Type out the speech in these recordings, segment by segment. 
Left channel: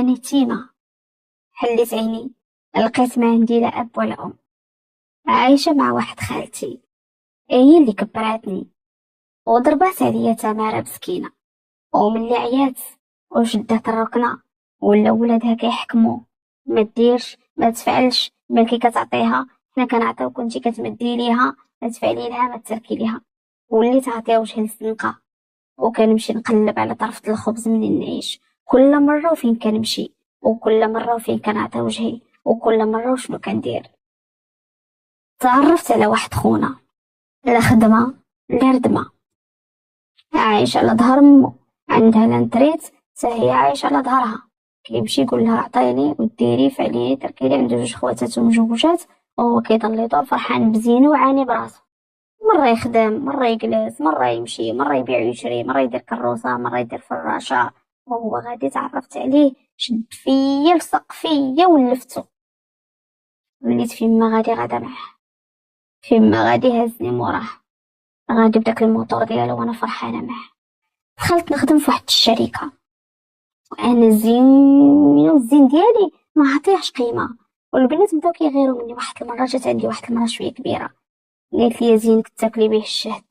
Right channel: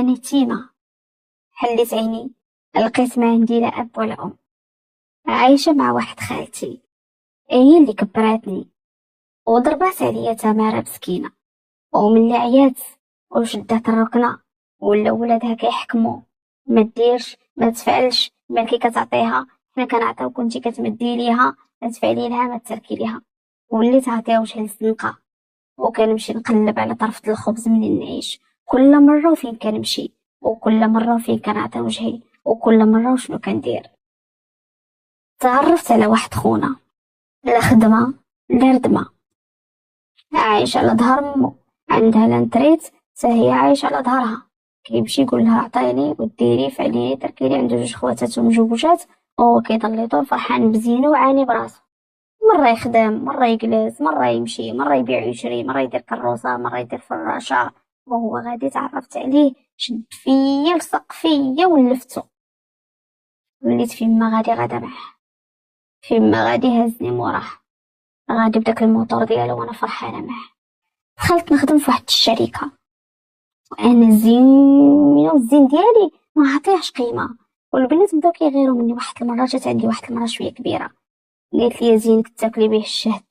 أنا تيمة. حليت عيني، لقيت ما عندي لا أب ولا أم. عايشة مع واحد خالتي، هي اللي كبراتني وضربات عليا تمارة مسكينة. وملي عيات وشدات الركنة ولا ولادها كيحكموا، ما ديرش ما تفعلش، مالكي كتعطيها حنا كنعطيو، كنتي كتمدي ليها ما تفعلي لها ما تركي ليها. وليت عطيها وجه الزنقة، وكنمشي نقلب على طرف الخبز منين نعيش. كل مرة وفين كنمشي، وكل مرة وفين كنعطي وجهي، وكل مرة وشنو كندير. تعرفت على واحد خونا، لا خدمة لا ردمة، عايش على ظهر مو، عندها لانتريت حتى هي عايشة على ظهرها. كيمشي يقول لها عطيني وديري فعلي تركي لي. عنده جوج خواتات ومجوجات، وهو كيضل يدور فرحان بزينو وعاني براسو. مرة يخدم، مرة يجلس، مرة يمشي، مرة يبيع ويشري، مرة يدير كروسة، مرة يدير فراشة. وهو غادي تعرفت عليه، شد فيا لصق فيا ولفتو. وليت فين ما غادي غادا معاه، فين ما غادي هزني موراه، غادي بداك الموتور ديالو وانا فرحانة معاه. دخلت نخدم في واحد الشركة، وانا زين والزين ديالي ما عطيهش قيمة. والبنات بداو كيغيروا مني. واحد المرة جات عندي واحد المرة شوية كبيرة، قالت لي يا زين كنت تاكلي به الشهد.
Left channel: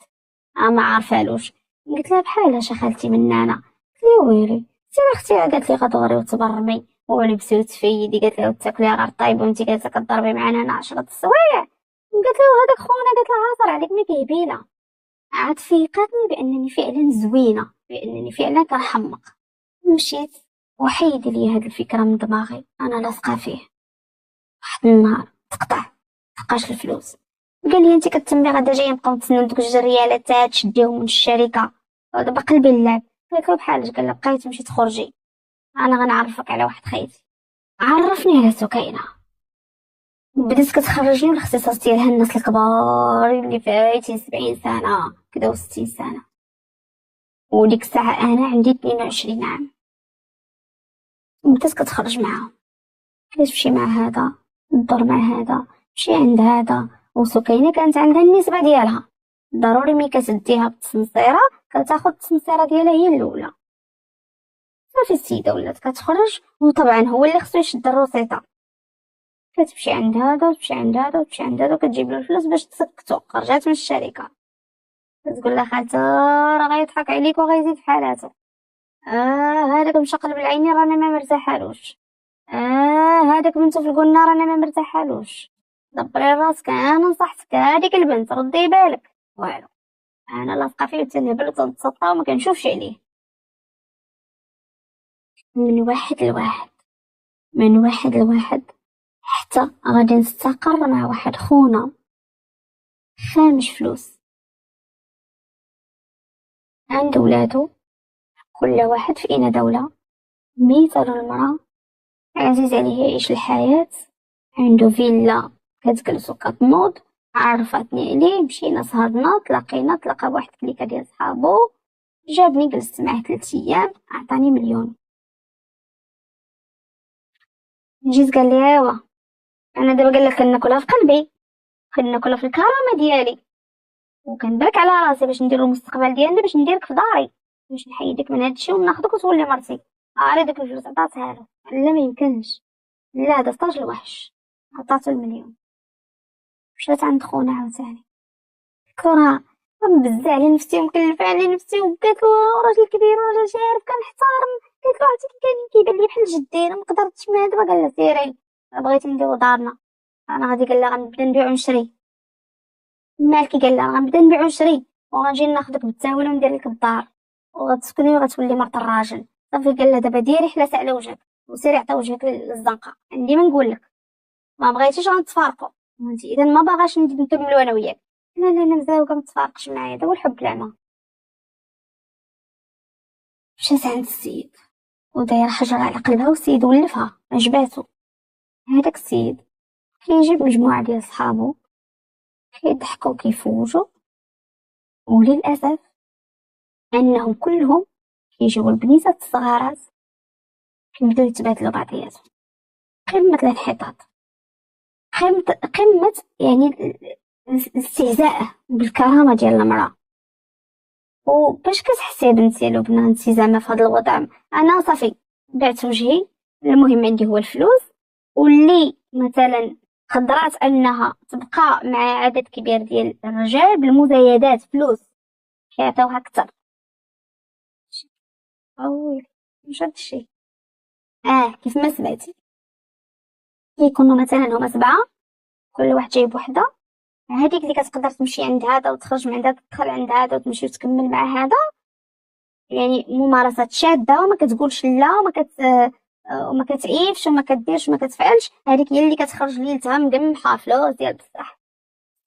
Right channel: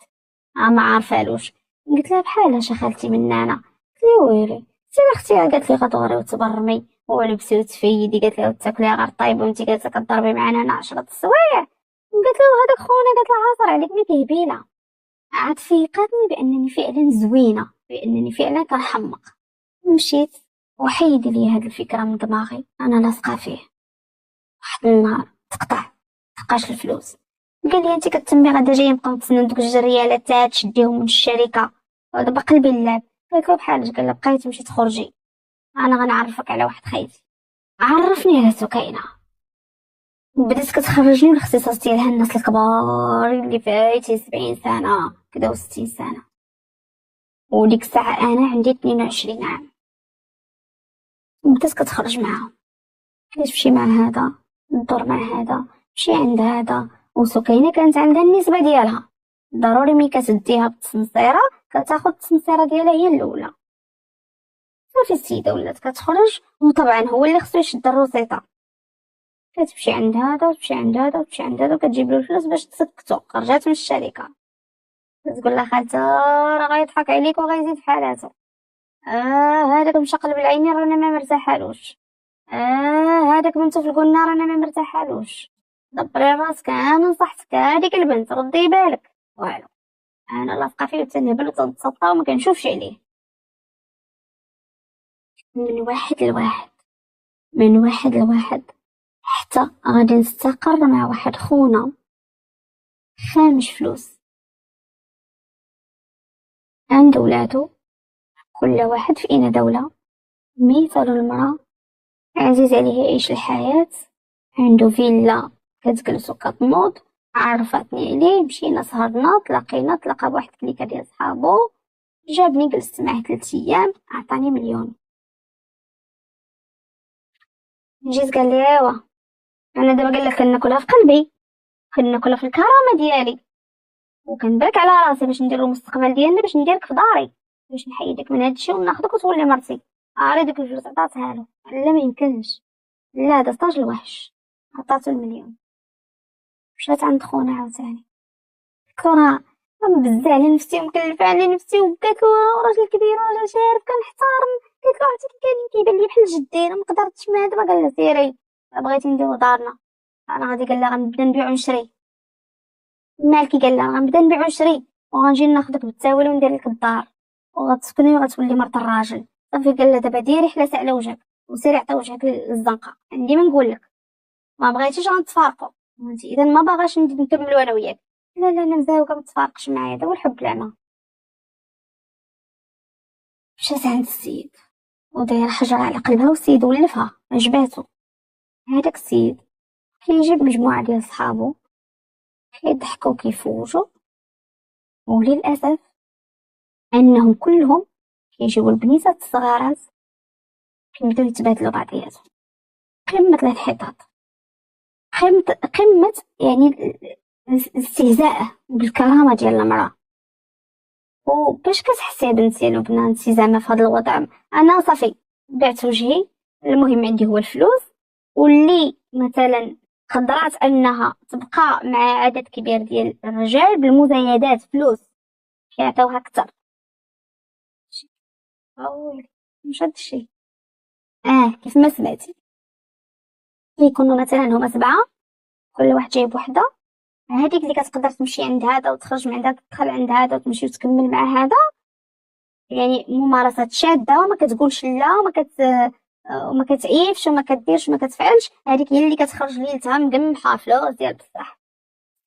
ما عارفالوش. قلت لها بحال اش خالتي من انا؟ قالت لي ويلي سي اختي. قالت لي غدوري وتبرمي ولبسي وتفيدي. قالت لها وتاكلي غير طيب وانت جالسه كضربي معانا هنا 10 السوايع. قالت له هذاك خونا. قالت لها عاصر عليك مي كيهبيله. عاد فيقتني بانني فعلا زوينه، بانني فعلا كنحمق. مشيت وحيد لي هاد الفكره من دماغي، انا لاصقه فيه. واحد النهار تقاش الفلوس. قال لي انت كتمي غدا جايه نبقاو نتسناو دوك 2 ريالات تشديهم من الشركه، ودابا قلبي اللعب. قلت له بحال قال لي بقيتي تمشي تخرجي، انا غنعرفك على واحد خيتي. عرفني على سكينه. بدات كتخرجني الاختصاص ديالها الناس الكبار اللي فايتي 70 سنه كدا و60 سنه. وديك الساعه انا عندي 22 عام. بدات كتخرج معاهم، علاش تمشي مع هذا، ندور مع هذا، مشي عند هذا. وسكينه كانت عندها النسبه ديالها، ضروري ملي كتديها بالتسنصيره كتاخد التسنصيره ديالها هي الاولى. صافي السيده ولات كتخرج، وطبعا هو اللي خصو يشد الروسيطه. كتمشي عند هذا وتمشي عند هذا وتمشي عند هذا وكتجيب له الفلوس باش تسكتو. خرجات من الشركه كتقول لها خالته راه غيضحك عليك وغيزيد في حالاتو. هذاك مشقلب العينين رانا ما مرتاحالوش. هذاك بنتو في القلنا رانا ما مرتاحالوش. دبري راسك، انا نصحتك هذيك البنت ردي بالك. والو، انا لاصقه فيه وتنهبل وتنتسطى وما كنشوفش عليه. من واحد لواحد، من واحد لواحد، حتى غادي نستقر مع واحد خونا خامش فلوس. عنده ولادو، كل واحد في إنا دولة. مثال المرأة عزيز عليه يعيش الحياة، عنده فيلا كتجلس وكتنوض. عرفتني عليه، مشينا سهرنا، تلاقى بواحد الكليكة ديال صحابو، جابني جلست معاه 3 أيام، عطاني 1,000,000. جيت قال لي ايوا انا دابا قال لك كناكلها في قلبي، كناكلها في الكرامه ديالي، وكنبرك على راسي باش ندير المستقبل ديالنا، باش نديرك في داري، باش نحيدك من هادشي وناخدك وتولي مرتي. عاري ديك الفلوس عطاتها له. لا ما يمكنش، لا هذا طاج الوحش. عطاتو 1,000,000. مشات عند خونا عاوتاني، كرا بزاف على نفسي ومكلفه على نفسي، وقالت له راجل كبير ولا شارف كنحترم. قالت له عرفتي كيبان لي بحال جدي، انا مقدرتش من دابا. قال لها سيري بغيتي نديرو دارنا، انا غادي. قال لها غنبدا نبيع ونشري. مالكي؟ قال لها غنبدا نبيع ونشري وغنجي ناخدك بالتاويل وندير لك الدار وغتسكني وغتولي مرت الراجل. صافي قال لها دابا ديري حلاس على وجهك وسيري عطي وجهك للزنقه. عندي ما نقول لك، ما بغيتيش غنتفارقوا. وانت اذا ما باغاش نكملوا انا وياك. لا لا انا مزاوقه ما تفارقش معايا، هذا هو الحب العمى. مشات عند السيد وداير حجر على قلبها، والسيد ولفها عجباتو. هذاك السيد كيجيب مجموعه ديال صحابو كيضحكوا كيفوجوا، وللاسف انهم كلهم كيجيو البنيتات الصغارات كيبداو يتبادلوا بعضياتهم. قمة الانحطاط، قمة يعني الاستهزاء بالكرامة ديال المرأة. وباش كتحسي بنتي لبنى انتي زعما في هذا الوضع؟ انا صافي بعت وجهي، المهم عندي هو الفلوس. واللي مثلا قدرات انها تبقى مع عدد كبير ديال الرجال بالمزايدات فلوس كيعطيوها اكثر. اوي مش هادشي. كيف ما سمعتي، كيكونوا مثلا هما 7، كل واحد جايب وحده، هذيك اللي كتقدر تمشي عند هذا وتخرج من عندها، تدخل عند هذا وتمشي وتكمل مع هذا. يعني ممارسات شاده، وما كتقولش لا، وما كتعيفش وما كديرش وما كتفعلش. هذيك هي اللي كتخرج ليلتها مقمحه فلوس ديال بصح.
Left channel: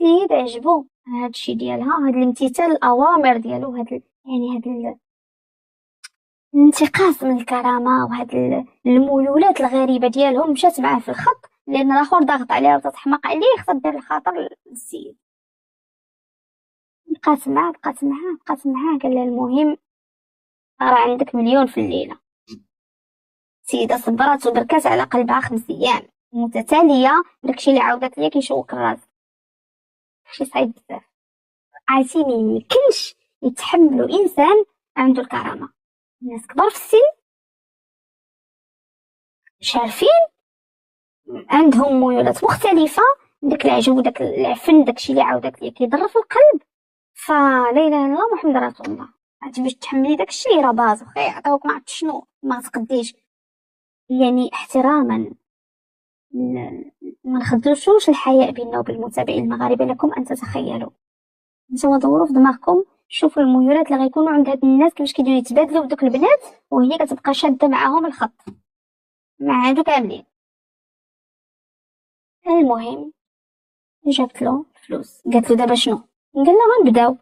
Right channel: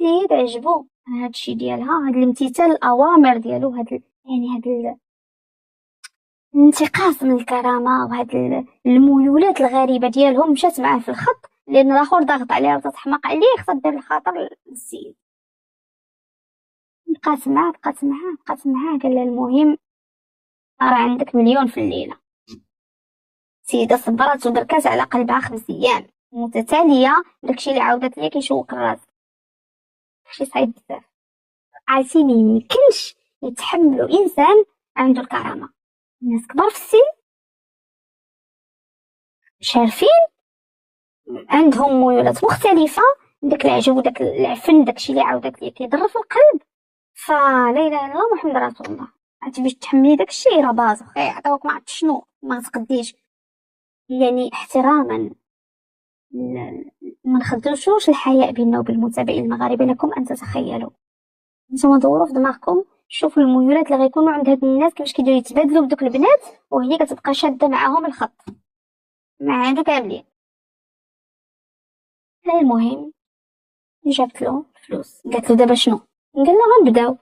السيد عجبو هادشي ديالها، هاد الامتثال الاوامر ديالو، يعني الانتقاص من الكرامه، وهاد الميولات الغريبه ديالهم مشات معاه في الخط، لان الاخر ضاغط عليها وتتحمق عليه، خصها دير الخاطر للسيد. بقات معاه قال لها المهم راه عندك مليون في الليله. السيده صبرات وبركات على قلبها 5 ايام متتاليه. داكشي اللي عاودت ليا كيشوق الراس، شي صعيب بزاف. عرفتي ما يمكنش يتحملوا انسان عنده الكرامه. الناس كبار في السن شارفين عندهم ميولات مختلفه، داك العجب وداك العفن، داكشي اللي عاودت ليا كيضر في القلب. فلا اله الا الله محمد رسول الله. عرفتي باش تحملي داكشي راه باز واخا يعطيوك ما عرفت شنو ما تقديش. يعني احتراما، ما نخدوشوش الحياء بيننا وبين المتابعين المغاربه. لكم ان تتخيلوا، نتوما دوروا في دماغكم، شوفوا الميولات اللي غيكونوا عند هاد الناس كيفاش كيديروا يتبادلوا بدوك البنات، وهي كتبقى شاده معاهم الخط مع هادو كاملين. المهم جابت له فلوس، قالت له دابا شنو؟ قال لها غنبداو،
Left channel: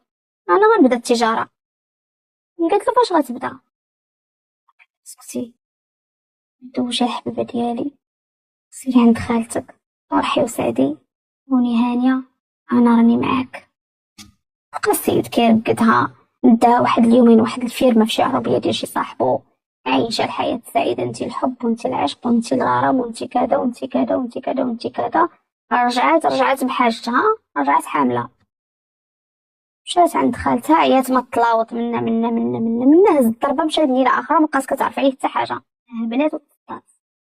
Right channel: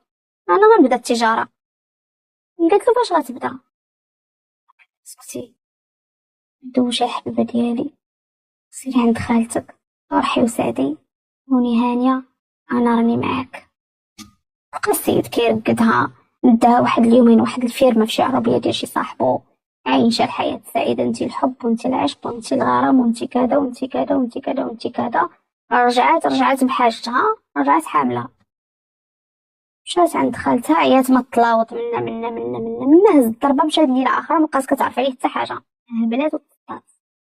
انا غنبدا التجاره. قالت له فاش غتبدا؟ سكتي، دوشي الحبيبه ديالي، سيري عند خالتك، فرحي وسعدي، هوني هانيه، انا راني معاك. بقى السيد كيرقدها، داها واحد اليومين واحد الفيرما في شي عربيه ديال شي صاحبو، عايشه الحياه السعيده، انت الحب وانت العشق وانت الغرام وانت كذا وانت كذا وانت كذا وانت كذا. رجعت بحاجتها، رجعت حامله، مشات عند خالتها، عيات ما تلاوط منا هز الضربه، مشات ليله اخرى مابقاش كتعرف عليه حتى حاجه، هبلات وتطاط.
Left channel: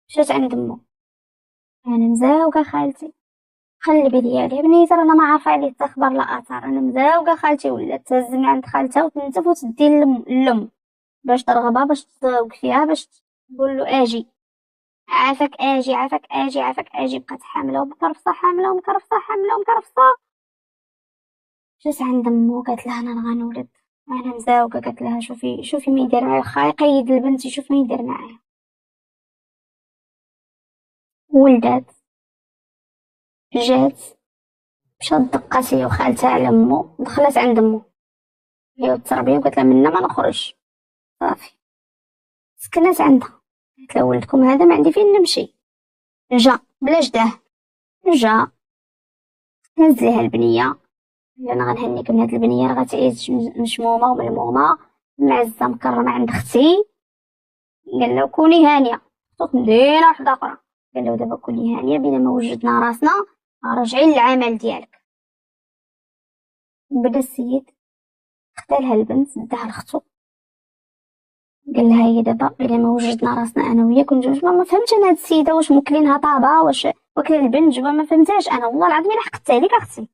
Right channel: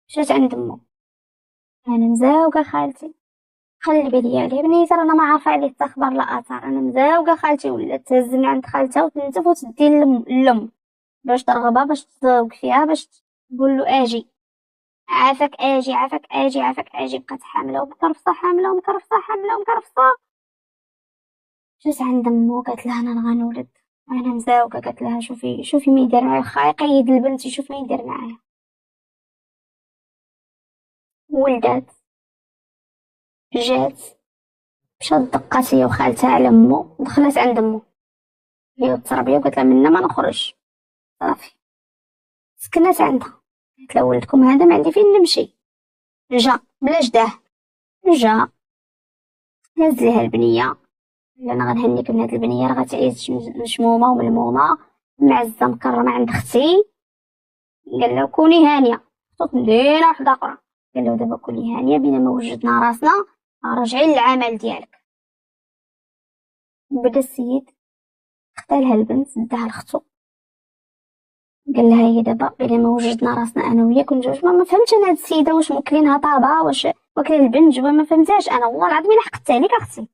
مشات عند مو، انا مزاوقه خالتي، قلبي ديالي بنيته انا ما عارفه عليه حتى خبر لا اثر. انا مزاوقه خالتي، ولات تهز من عند خالتها وتنتف وتدي اللم باش ترغبها، باش تزوق فيها، باش تقول له اجي عافاك، اجي عافاك، اجي عافاك، اجي. بقات حامله ومكرفصه، حامله ومكرفصه، حامله ومكرفصه. جات عند مو قالت لها انا غنولد، انا مزاوقه. قالت لها شوفي ما يدير معايا، خا يقيد البنت يشوف ما يدير معايا. ولدات، جات، مشات دقات هي وخالتها على مو، دخلت عند مو هي والتربيه، وقالت لها منا ما نخرج. صافي سكنت عندها، قالت لها ولدكم هذا ما عندي فين نمشي. جا بلا جداه، جا هز ليها البنيه، انا غنهنيك من هاد البنيه، راه غتعيش مشمومه وملمومه معزه مكرمه عند اختي. قال له كوني هانيه، خصوص مدينه وحده اخرى. قال له دابا كوني هانيه بينما وجدنا راسنا، راجعين للعمل ديالك. بدا السيد خدا لها البنت داها لختو، قال لها هي دابا بينما وجدنا راسنا انا وياك ونجوج. ما فهمتش انا هاد السيده واش موكلينها طابعه، واش واكله البنت جوا، ما فهمتهاش انا والله العظيم. الا حقدت عليك اختي،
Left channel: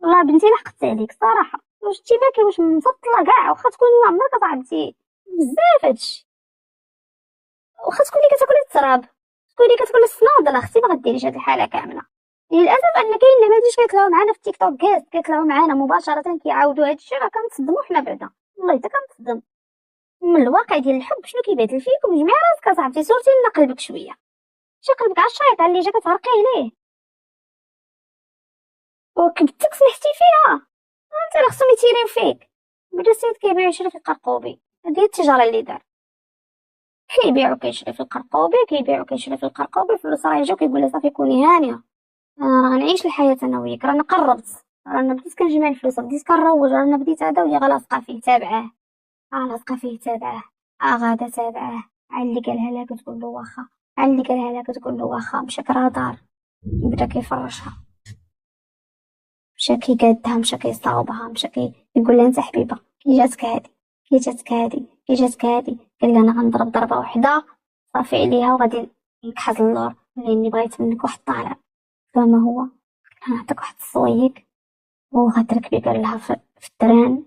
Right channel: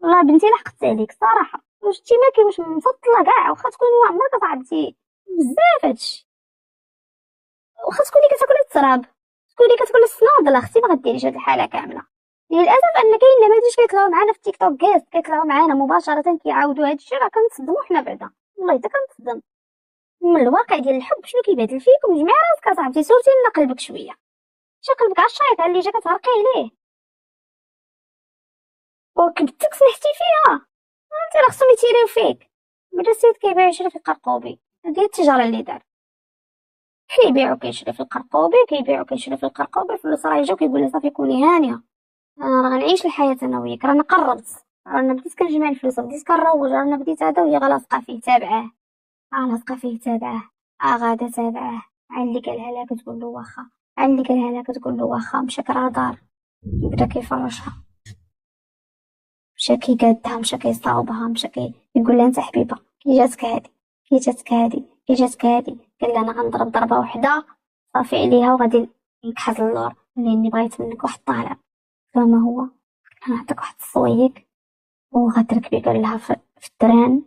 والله بنتي الا حقدت عليك صراحه، واش انتي مالكي واش مفطله كاع، واخا تكوني ما عمرك صاحبتي بزاف هادشي، واخا تكوني كتاكلي التراب، تكوني كتاكلي الصنادله، اختي ما غديريش هاد الحاله كامله. للاسف ان كاين نماذج كيطلعوا معنا في تيك توك كاس، كيطلعوا معنا مباشره كيعاودوا هادشي، راه كنتصدموا حنا بعدا، والله حتى كنتصدم من الواقع ديال الحب شنو كيبدل فيكم. جمعي راسك اصاحبتي، صورتي لنا قلبك شويه، شي قلبك على الشيط اللي جا كتهرقي عليه وكبتك سمحتي فيها، انت راه خصهم يتيريو فيك. بدا السيد كيبيع يشري في القرقوبي، هادي هي التجاره اللي دار، كيبيع وكيشري في القرقوبي، كيبيع وكيشري في القرقوبي. الفلوس راه يجيو كيقول لها صافي كوني هانيه، انا راه غنعيش الحياه انا وياك، رانا قربت، رانا بديت كنجمع الفلوس، بديت كنروج، رانا بديت هذا، وهي غلاصقه فيه تابعاه، لاصقه فيه تابعاه، غادا تابعاه. عاد اللي قالها لها كتقول له واخا، عاد اللي قالها لها كتقول له واخا. مشى كرا دار، بدا كيفرشها، مشى كيقادها، مشى كيصاوبها، مشى كيقول لها انت حبيبه كي جاتك هادي، كي جاتك هادي، كي جاتك هادي. قال لها انا غنضرب ضربه وحده صافي عليها، وغادي نكحز اللور لاني بغيت منك واحد الطلب. فما هو غنعطيك واحد الصويك وغتركبي قال لها في التران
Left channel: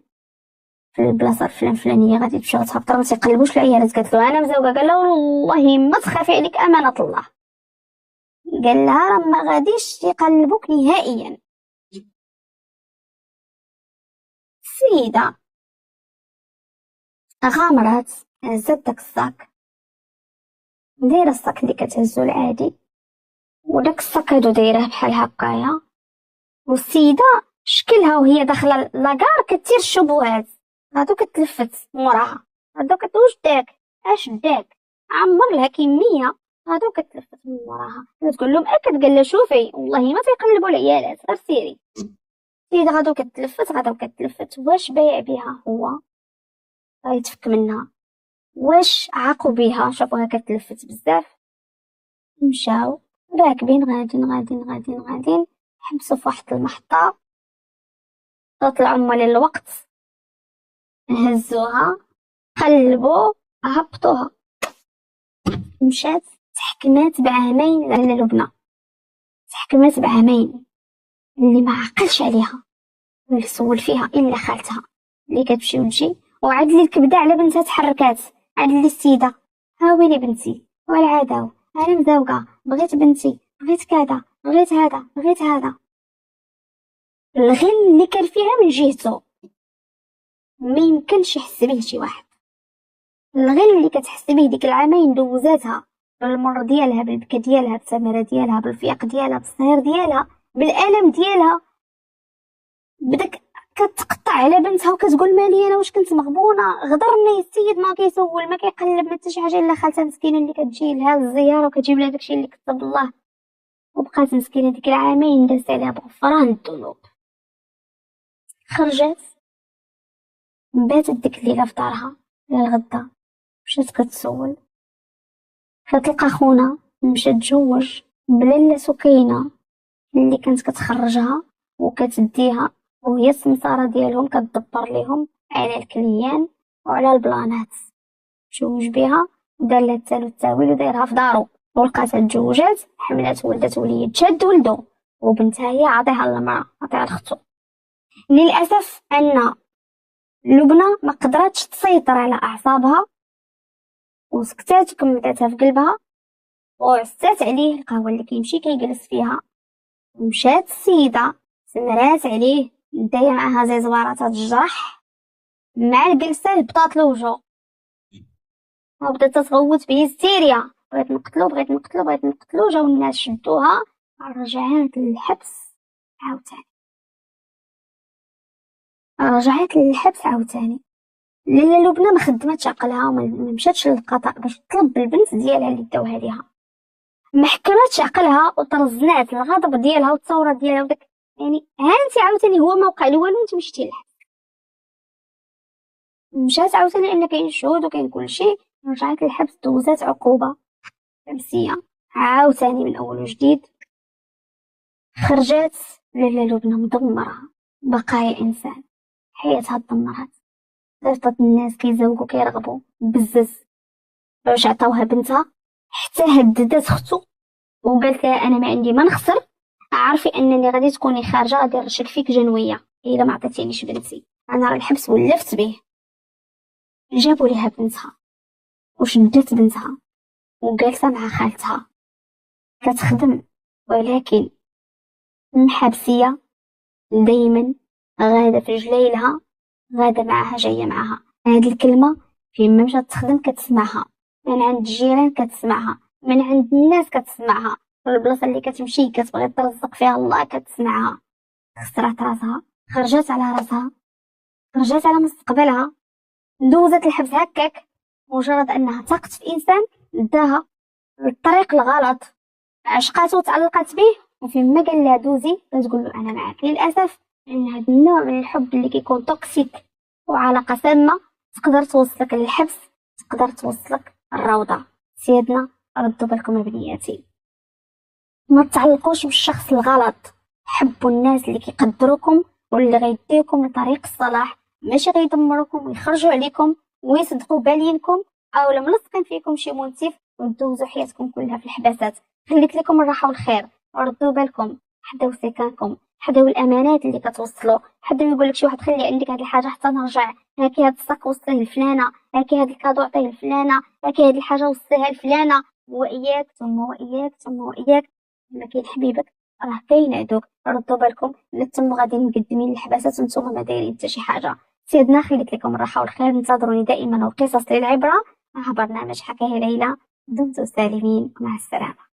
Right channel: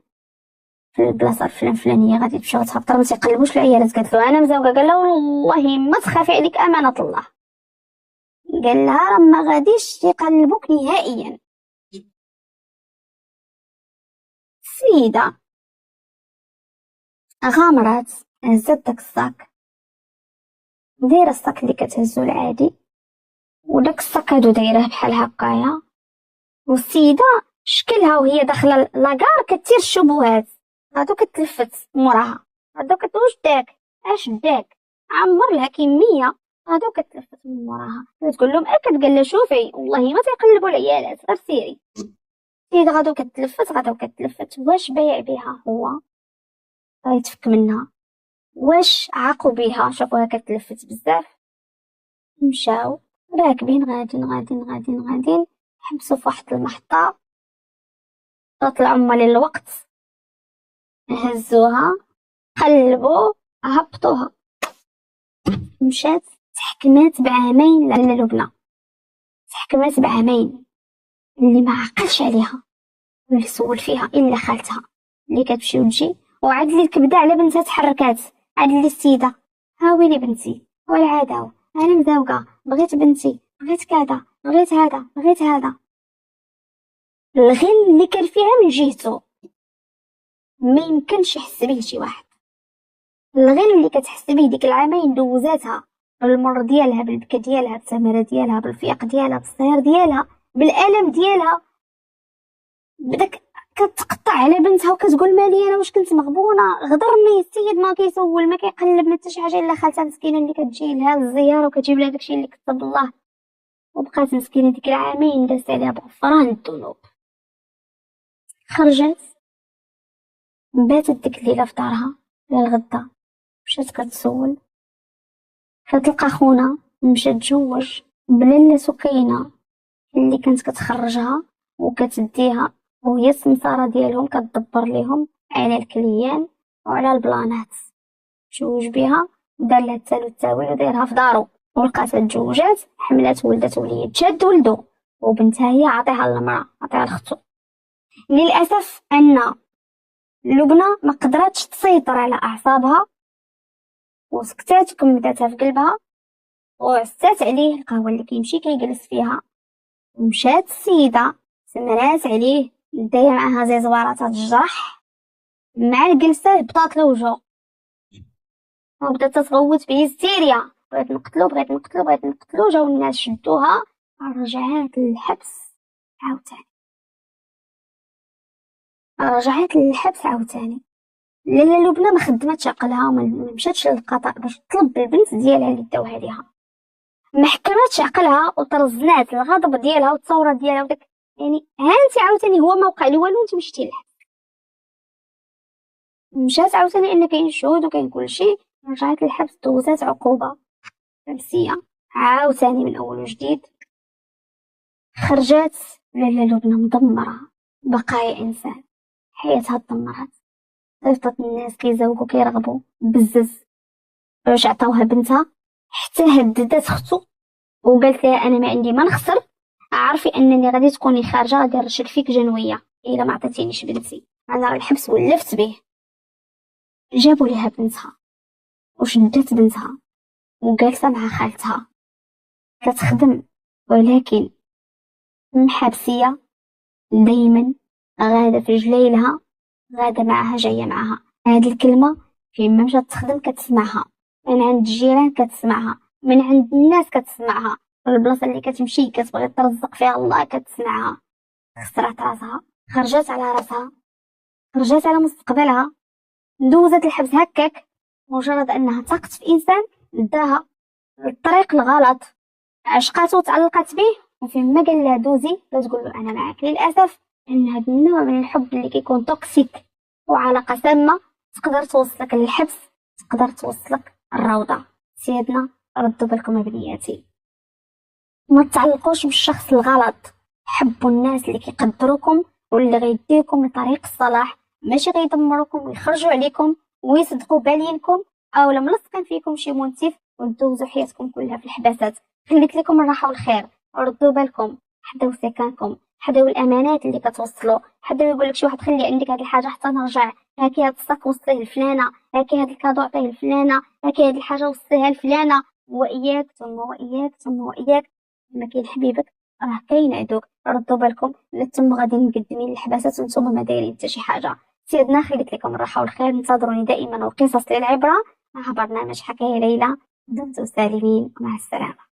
في البلاصه الفلانيه غادي تمشيو تهبطوا ما تيقلبوش العيالات. قالت له انا مزوقه. قال لها والله ما تخافي عليك امانه الله. قال لها راه ما غاديش يقلبوك نهائيا. السيده غامرات هزت داك الصاك، دايره الصاك اللي كتهزو العادي، وداك الصاك هادو دايره بحال هكايا. والسيده شكلها وهي داخله لاكار كتير الشبهات. هادو كتلفت موراها، هادو كتوش داك اش داك عمر لها كميه. هادو كتلفت من موراها كتقول لهم اكد. قال لها شوفي والله ما تيقلبوا العيالات غير سيري. السيده غادو كتلفت واش بايع بها هو غيتفك منها، واش عاقوا بها شافوها كتلفت بزاف. مشاو راكبين غادين حبسوا في واحد المحطة. طلعت العمال الوقت هزوها قلبوا هبطوها. مشات تحكمات بعامين للبنى، تحكمات بعامين اللي ما عقلش عليها اللي سول فيها الا خالتها اللي كتمشي وتجي. وعاد لي الكبده على بنتها تحركات. عاد لي السيده ها ويلي بنتي والعاداو انا مزوقه بغيت بنتي بغيت كذا بغيت هذا. الغل اللي كان فيها من جهته ما يمكنش يحس به شي واحد. الغل اللي كتحس به ديك العامين دوزاتها بالمر ديالها بالبكا ديالها بالسمره ديالها بالفياق ديالها بالصهير ديالها بالالم ديالها. بدك كتقطع على بنتها وكتقول مالي انا واش كنت مغبونه. غدرني السيد ما كيسول ما كيقلب ما حتى شي حاجه الا خالتها مسكينه اللي كتجي لها الزياره وكتجيب لها داكشي اللي كتب الله. وبقات مسكينه ديك العامين داز عليها بغفران الذنوب. خرجت باتت ديك الليله في دارها للغدا. مشات كتسول فتلقى خونا مشى تزوج بلاله سكينه اللي كانت كتخرجها وكتديها وهي السمساره ديالهم كتدبر ليهم على الكليان وعلى البلانات. تزوج بها ودار لها التاول ودايرها في دارو ولقاتها تزوجات حملات ولدت وليد شاد ولدو وبنتها هي عطيها للمراه عطيها لختو. للاسف ان لبنى ما قدرتش تسيطر على اعصابها وسكتات وكملتها في قلبها وعسات عليه القهوه اللي كيمشي كيجلس فيها. ومشات السيده سمرات عليه دايره معاها زي زوارات الجرح مع الجلسه هبطات له وجهه وبدات تصوت بهستيريا. بغيت نقتلو. جاو الناس شدوها رجعات للحبس عاوتاني. لاله لبنى ما خدمتش عقلها وما مشاتش للقضاء باش تطلب البنت ديالها اللي داوها ليها. ما حكمتش عقلها وترزنات الغضب ديالها والثوره ديالها وداك يعني انت عاوتاني هو ما وقع له والو انت مشيتي للحبس. مشات عاوتاني ان كاين الشهود وكاين كلشي. رجعت للحبس دوزات عقوبه نفسيه عاوتاني من اول وجديد. خرجت لاله لبنى مدمره بقايا انسان حياتها دمرت. صيفطت الناس كيزوقوا كيرغبوا بزز باش عطاوها بنتها حتى هددت اختو وقالت لها انا ما عندي ما نخسر. عارفي انني غادي تكوني خارجه غادي نرشك فيك جنويه الا ما عطيتينيش بنتي. انا راه الحبس ولفت به. جابوا ليها بنتها وشدت بنتها وجالسه مع خالتها كتخدم ولكن محبسيه دايما غاده في رجليلها غاده معاها جايه معاها. هذه الكلمه فين ما مشات تخدم كتسمعها من عند الجيران كتسمعها من عند الناس كتسمعها في البلاصه اللي كتمشي كتبغي ترزق فيها الله كتسمعها. خسرت راسها خرجت على راسها خرجت على مستقبلها دوزت الحبس هكاك مجرد انها تقت في انسان داها الطريق الغلط عشقاته وتعلقت به وفين ما قال لها دوزي كتقول له انا معاك. للاسف ان هذا النوع من الحب اللي كيكون توكسيك وعلاقه سامه تقدر توصلك للحبس تقدر توصلك الروضه. سيدنا ردوا بالكم بنياتي ما تعلقوش بالشخص الغلط. حبوا الناس اللي كيقدروكم واللي غيديكم لطريق الصلاح ماشي غيدمروكم ويخرجوا عليكم ويصدقوا بالينكم او لما لصقن فيكم شي منتف وتدوزوا حياتكم كلها في الحباسات. خليت لكم الراحة والخير. ردوا بالكم، حداو سكانكم، حداو الامانات اللي كتوصلوا. حدا يقول لك شي واحد خلي عندك هاد الحاجه حتى نرجع، هاكي هاد الصاك وصيه لفلانه، هاكي هاد الكادو عطيه لفلانه، هاكي هاد الحاجه وصيها لفلانه. واياك ثم واياك ثم واياك، ما كاين حبيبك راه كاين عدوك. ردوا بالكم، لا تم غادي مقدمين الحباسات وانتم ما دايرين حتى شي حاجه. سيدنا خليت لكم الراحه والخير، انتظروني دائما وقصص للعبره مع برنامج حكاية ليلى. دمتم سالمين، مع السلامه.